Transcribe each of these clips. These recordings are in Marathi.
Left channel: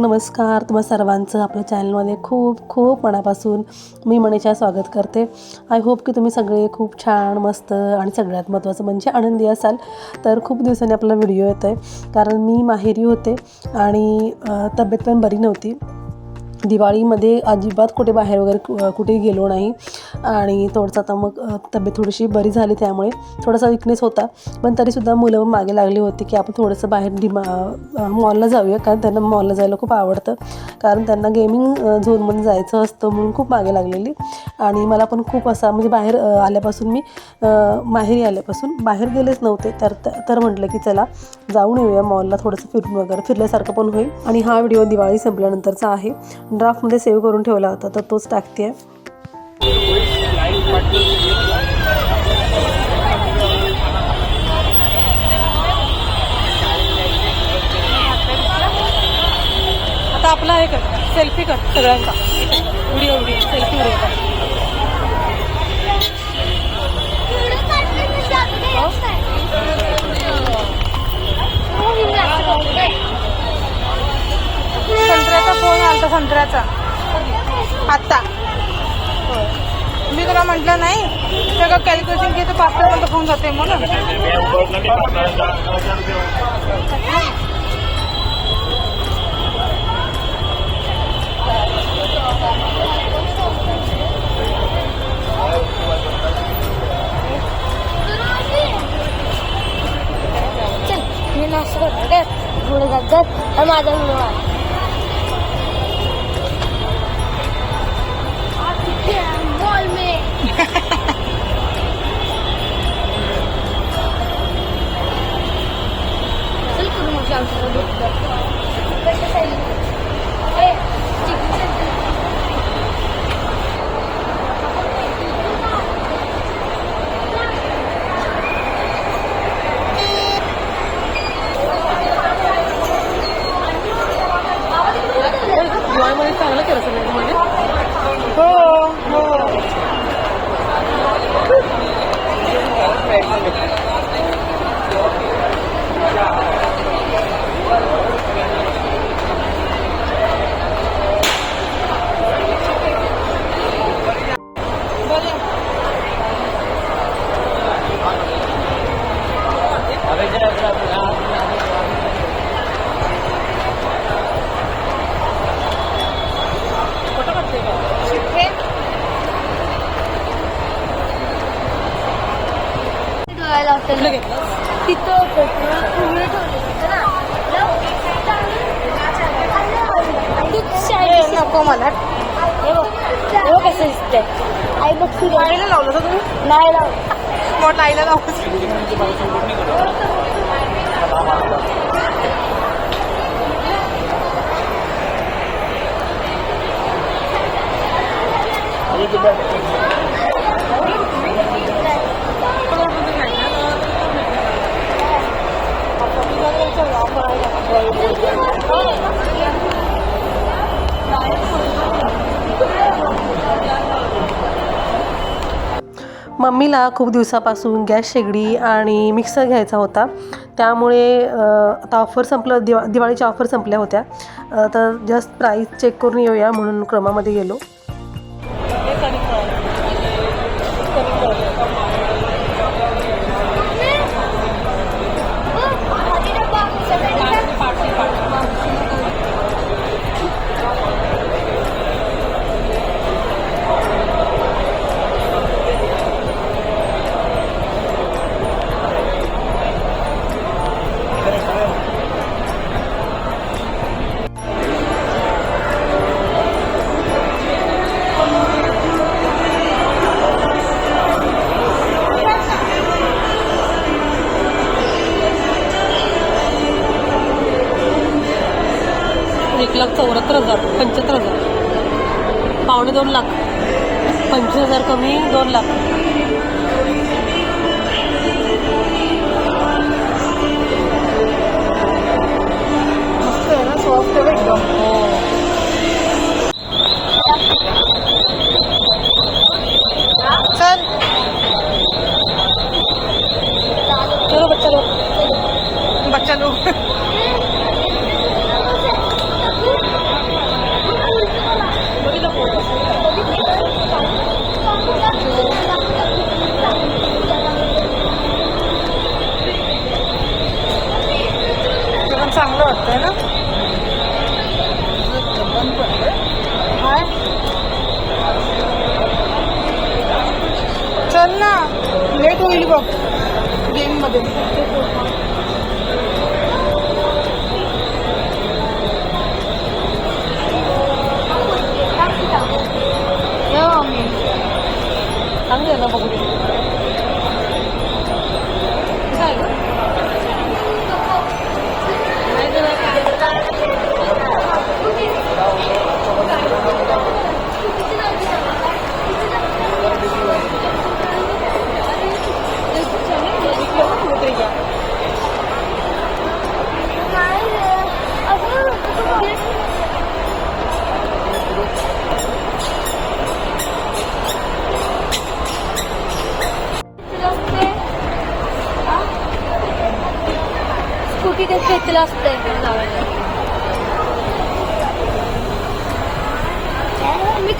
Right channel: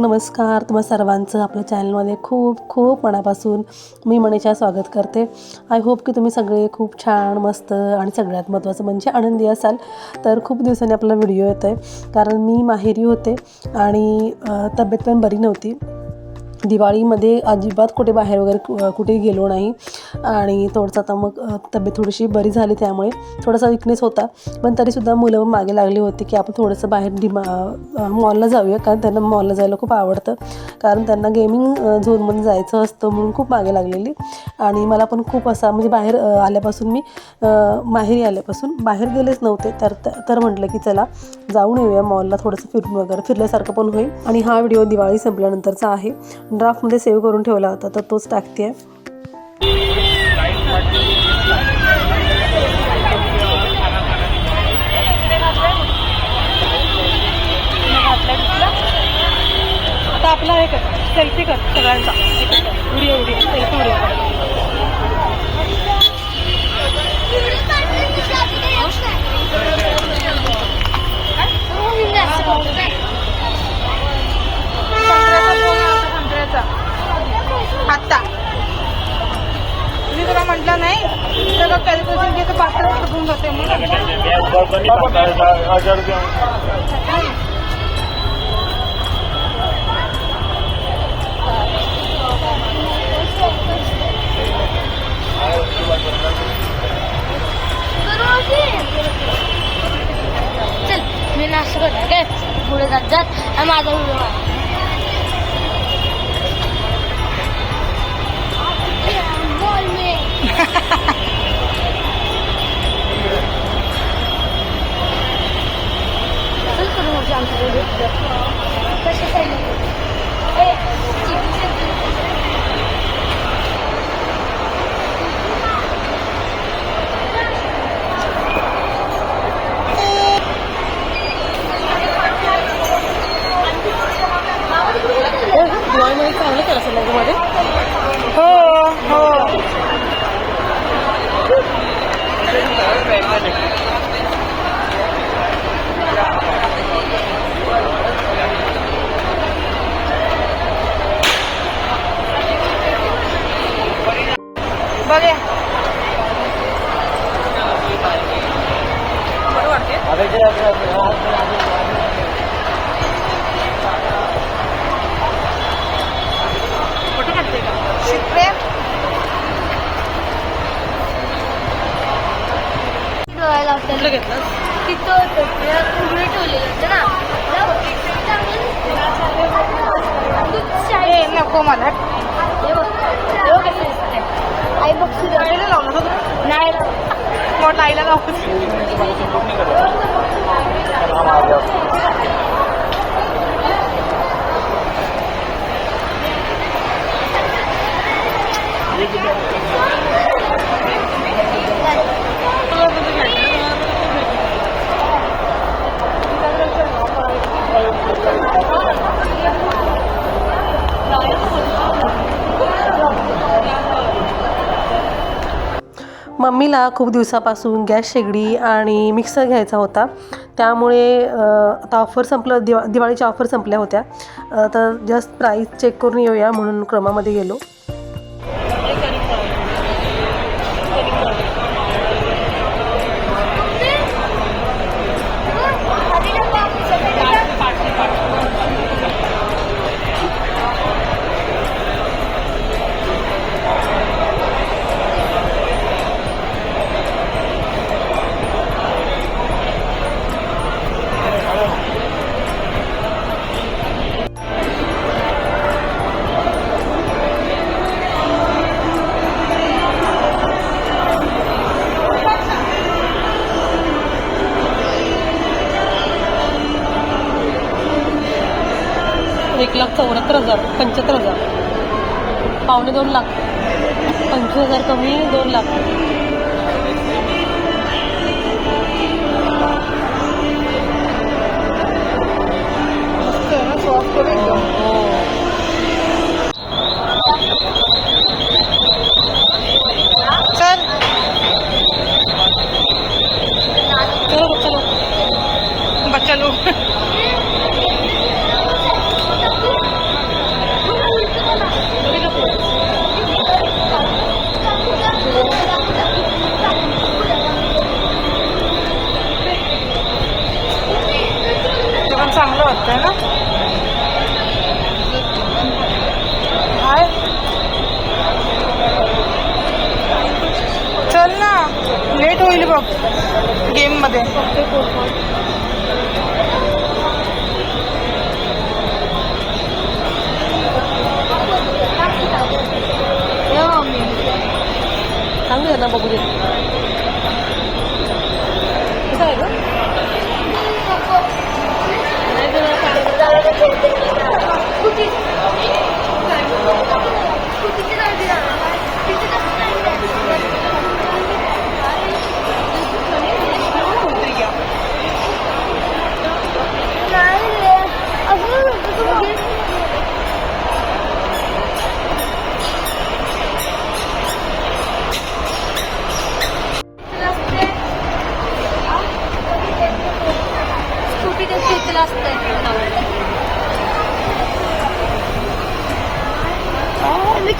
नमस्कार. तुम्हा सर्वांचं आपल्या चॅनलमध्ये खूप खूप मनापासून मी मनीषा स्वागत करते. आय होप की तुम्ही सगळे खूप छान मस्त आणि सगळ्यात महत्त्वाचं म्हणजे आनंदी असाल. तर खूप दिवसांनी आपला व्हिडिओ येतो आहे कारण मी माहेरी होते आणि तब्येत पण बरी नव्हती. दिवाळीमध्ये अजिबात कुठे बाहेर वगैरे कु- कुठे गेलो नाही. आणि थोडंसं आता मग तब्येत थोडीशी बरी झाली त्यामुळे थोडासा विकनेस होता. पण तरीसुद्धा मुलं मागे लागली होती की आपण थोडंसं बाहेर डिमा मॉलला जाऊया. कारण त्यांना मॉलला जायला खूप आवडतं. कारण त्यांना गेमिंग झोनमध्ये जायचं असतं म्हणून खूप मागे लागलेली. आणि मला पण खूप असा म्हणजे बाहेर आल्यापासून मी माहेरी आल्यापासून बाहेर गेलेच नव्हते. तर तर म्हटलं की चला जाऊन येऊया मॉलला थोडंसं फिरून वगैरे. फिरल्यासारखं पण होईल. आणि हा व्हिडिओ दिवाळी संपल्यानंतरचा आहे. ड्राफ्टमध्ये सेव्ह करून ठेवला होता तर तोच टाकते आहे आपला हे कर सेल्फी कर सगळ्यांचा. व्हिडिओ व्हिडिओ सेल्फी व्हिडिओ कर. संत्र्याचा फोन आलता संत्र्याचा. आत्ता. मी तुला म्हटलं नाही सगळं कॅल्क्युलेशन घेतो पाच पर्यंत फोन जाते म्हणून. पुढे जात जात डोळ्याला तिथं ठेवलेलं नको मला कसं आई बघ आईला लावलं तुम्ही नाही मोठा आईला लावलं मम्मीला खूप दिवसापासून गॅस शेगडी आणि मिक्सर घ्यायचा होता. त्यामुळे आता ऑफर संपलं दिवा दिवाळीच्या ऑफर संपल्या होत्या. तर जस्ट प्राईस चेक करून येऊया म्हणून क्रमामध्ये गेलो. एक लाख चौऱ्याहत्तर हजार पंच्याहत्तर हजार. पावणे दोन लाख. पंचवीस हजार कमी दोन लाख. हो, हो. चल. बच्चा लोग लेट होईल बघ. गेममध्ये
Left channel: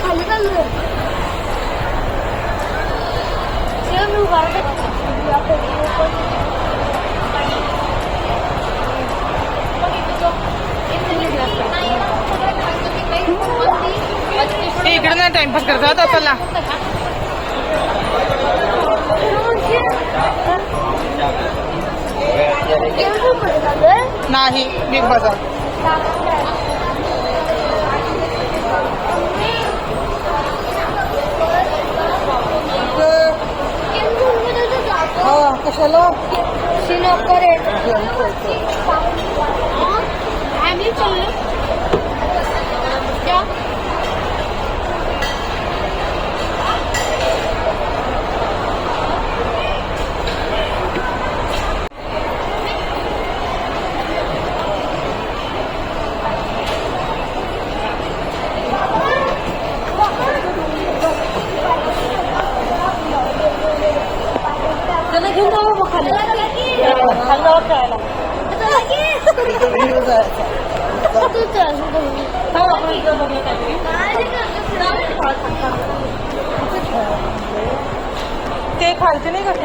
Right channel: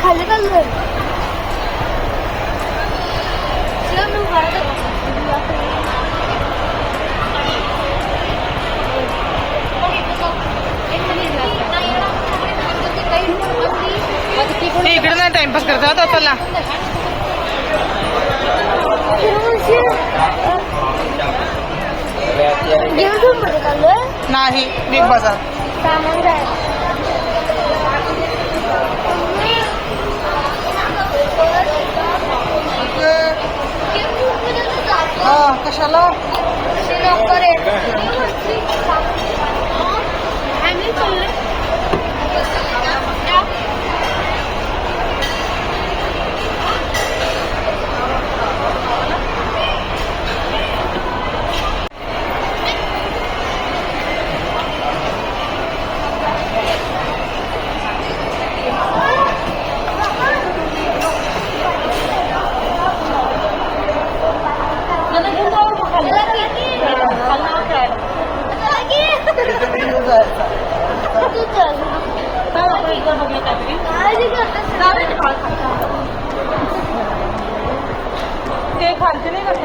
खाली पण शिवाय ते इकडे नाही टाइमपास करतात आता. नाही बिग बाजार. kasalaw.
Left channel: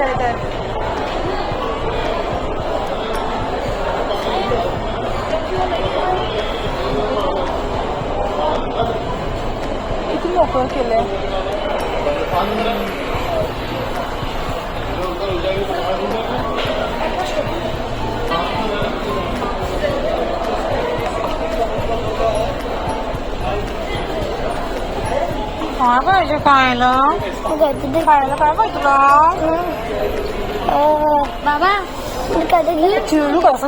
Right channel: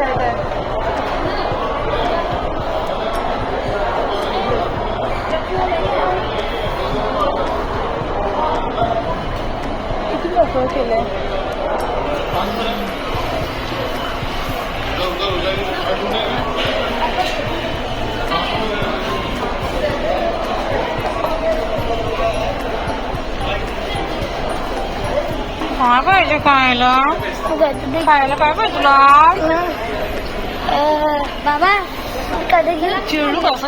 对对。İçinde okuyor kelle. Annem. Yok. काय पाहिजे खायला? खायला काय पाहिजे तुला? चिवडू असं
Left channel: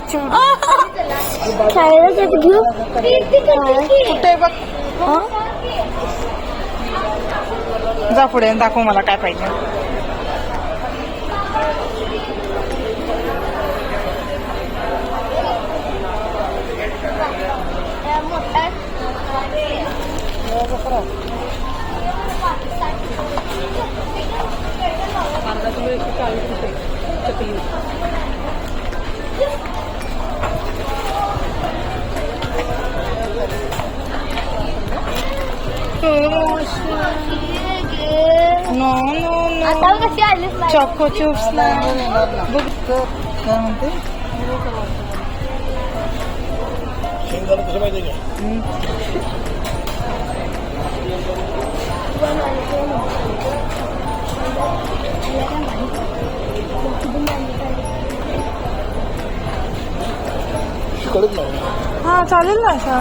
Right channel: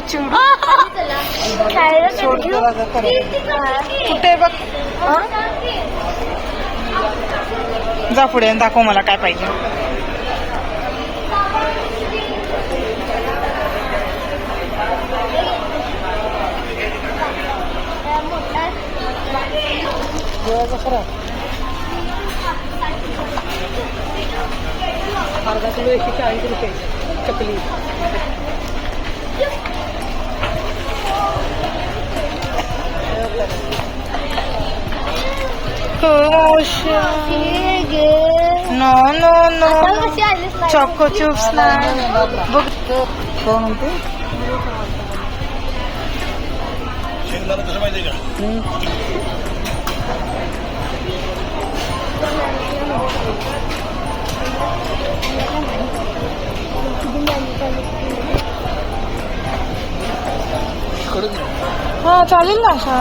कुठे बघ. जा पुढे दाखव मला काय पाहिजे. No no no choco chips नाही बघ कोण म्हणते हा चालेल ना अशा.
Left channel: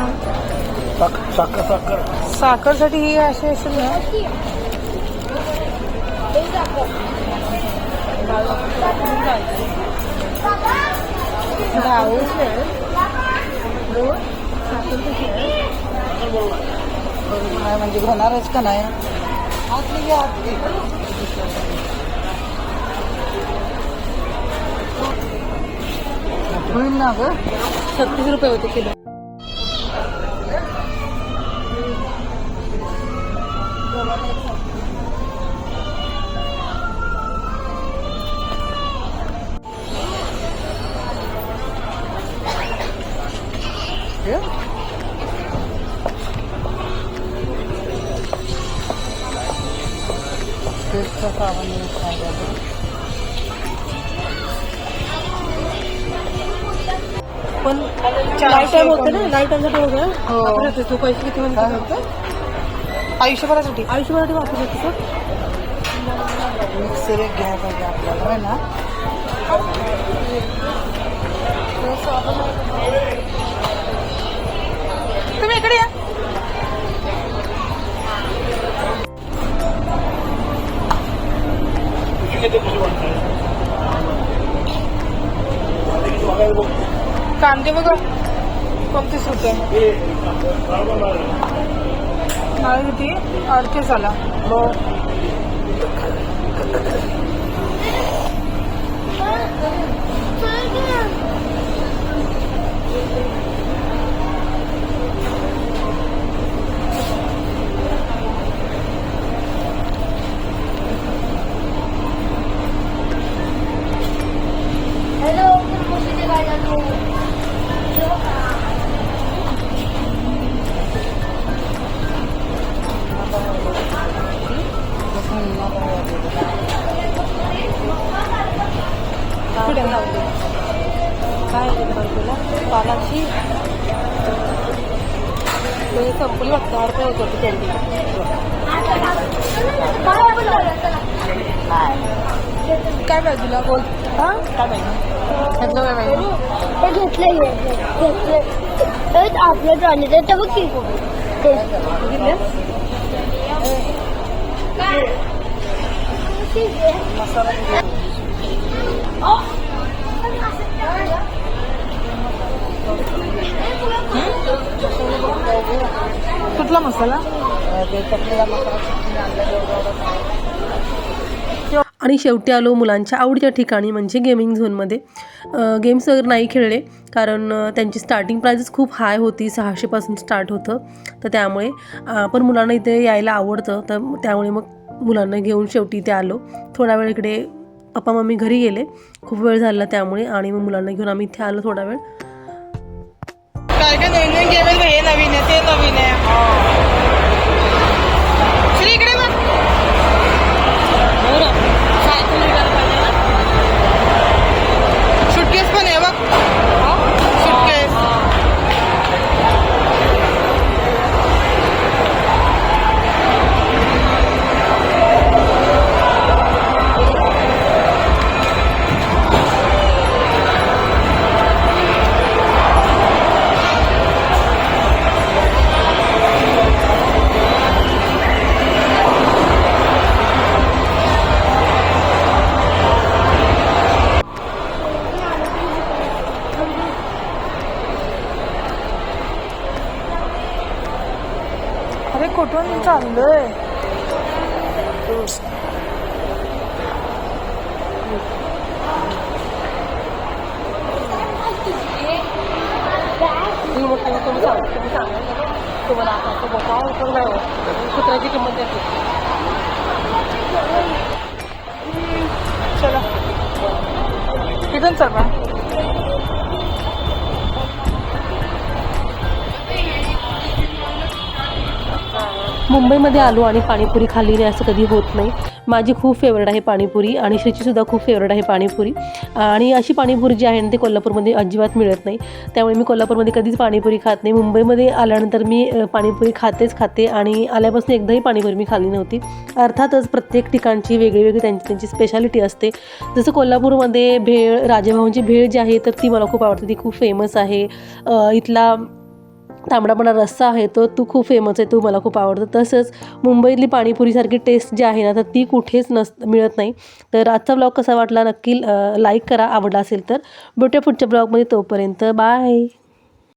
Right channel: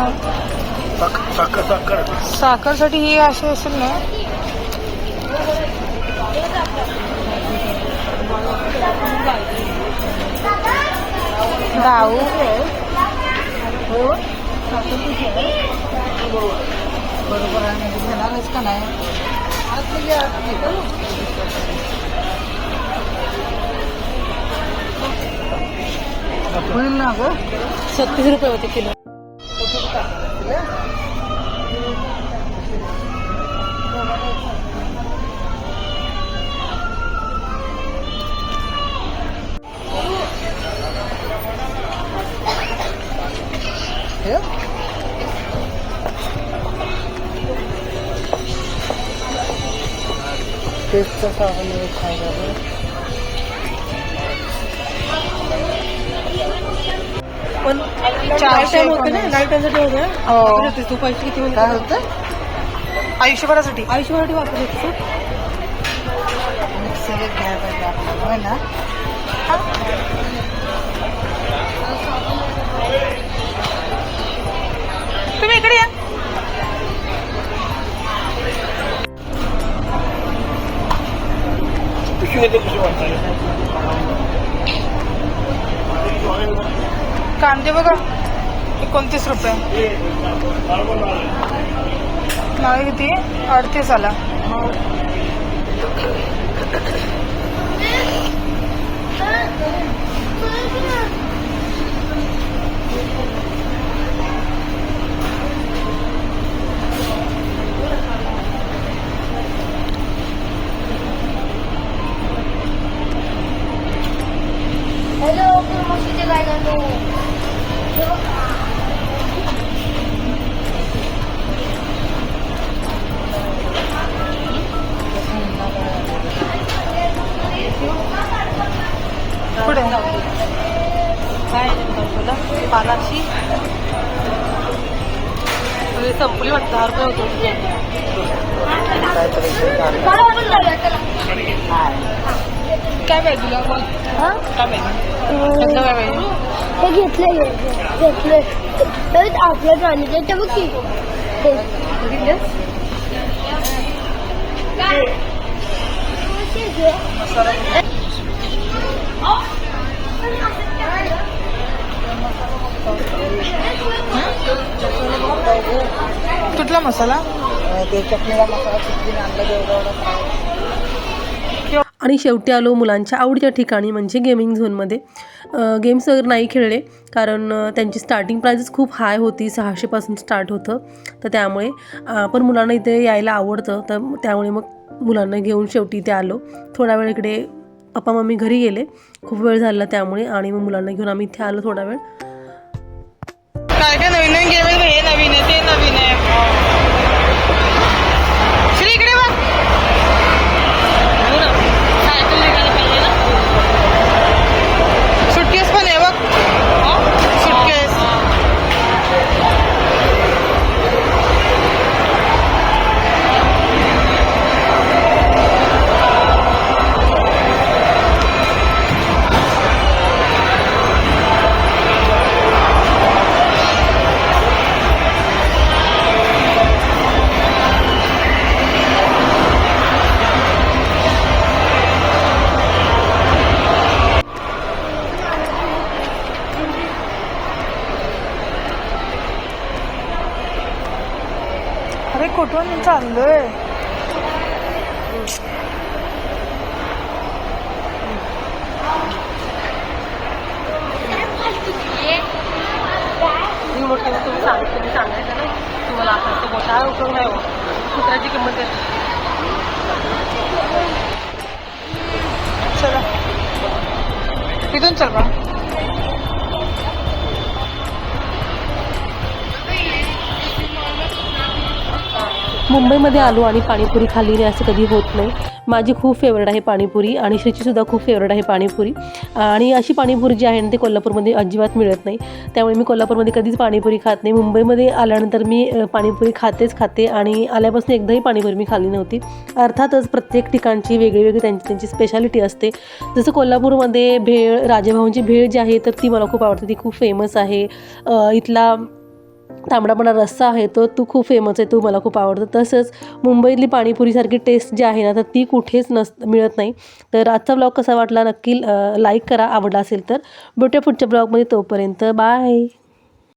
साखरसाठी ही अशी असेल ना. गाऊ बरोबर आहे म्हणजे घेणारच का नाही होईल ना ग रुपये होते किलो। चारशे एकोणीस. हो. काय होतं? आयुष्यभरासाठी. आयुष्यभरासाठी वापरू शकतो असेल एक घ्यायला पाहिजे आपल्याला होय ना? तुम्ही इकडे या. कांदे बघा. एकोणतीस रुपये? नाही किती? अडतीस आला. त्यातलं काय पाहिजे? घेतले घेतले आपलं तर बघ की. कुठला मसाला? आणि शेवटी आलो मुलांच्या आवडीच्या ठिकाणी म्हणजे गेमिंग झोनमध्ये गेम्स वगैरे नाही खेळले कारण त्यांची स्टार्टिंग प्राइजेस खूप हाय होती सहाशेपासून स्टार्ट होतं. तर त्यामुळे पण मुलांना इथे यायला आवडतं तर त्यामुळे मग मुलांना घेऊन शेवटी इथे आलो. थोडा वेळ इकडे पप्पा मम्मी घरी गेले खूप वेळ झाला त्यामुळे आणि मग मुलांना घेऊन आम्ही इथे आलो थोडा वेळ. काय काय नवीन नवीन गेम हे नवीन आहे ते नवीन आहे. सुटकेस पण कुठून चाललोय? चला. तिथून चल मुंबईमध्ये आलो आणि पाणीपुरी खाल्ली नाही असं कधी होत नाही. माझी खूप फेवरेट आहे पाणीपुरी आणि श्रीचीसुद्धा खूप फेवरेट आहे पाणीपुरी. आणि अशी पाणीपुरी जी आहे ना ती कोल्हापूरमध्ये अजिबात मिळत नाही. त्यामुळे मी कोल्हापूरमध्ये कधीच पाणीपुरी खात नाही. मुंबईमध्ये आल्यानंतर मी पाणीपुरी खातेच खाते आणि आल्यापासून एकदाही पाणीपुरी मी खाल्ली नव्हती. अर्थातच प्रत्येक ठिकाणची वेगळी वेगळी त्यांची त्यांची स्पेशालिटी असते. जसं कोल्हापूरमध्ये भेळ राजेभाऊंची भेळ जी आहे तर ती मला खूप आवडते. ती खूप फेमस आहे. इथला तांबडापणा रस्सा आहे तो तू खूप फेमस आहे तू मला खूप आवडतं. तसंच मुंबईतली पाणीपुरीसारखी टेस्ट जी आहे ना तर ती कुठेच नस मिळत नाही. तर आजचा ब्लॉग कसा वाटला नक्की लाईक करा. आवडला असेल तर भेटूया पुढच्या ब्लॉगमध्ये तोपर्यंत. बाय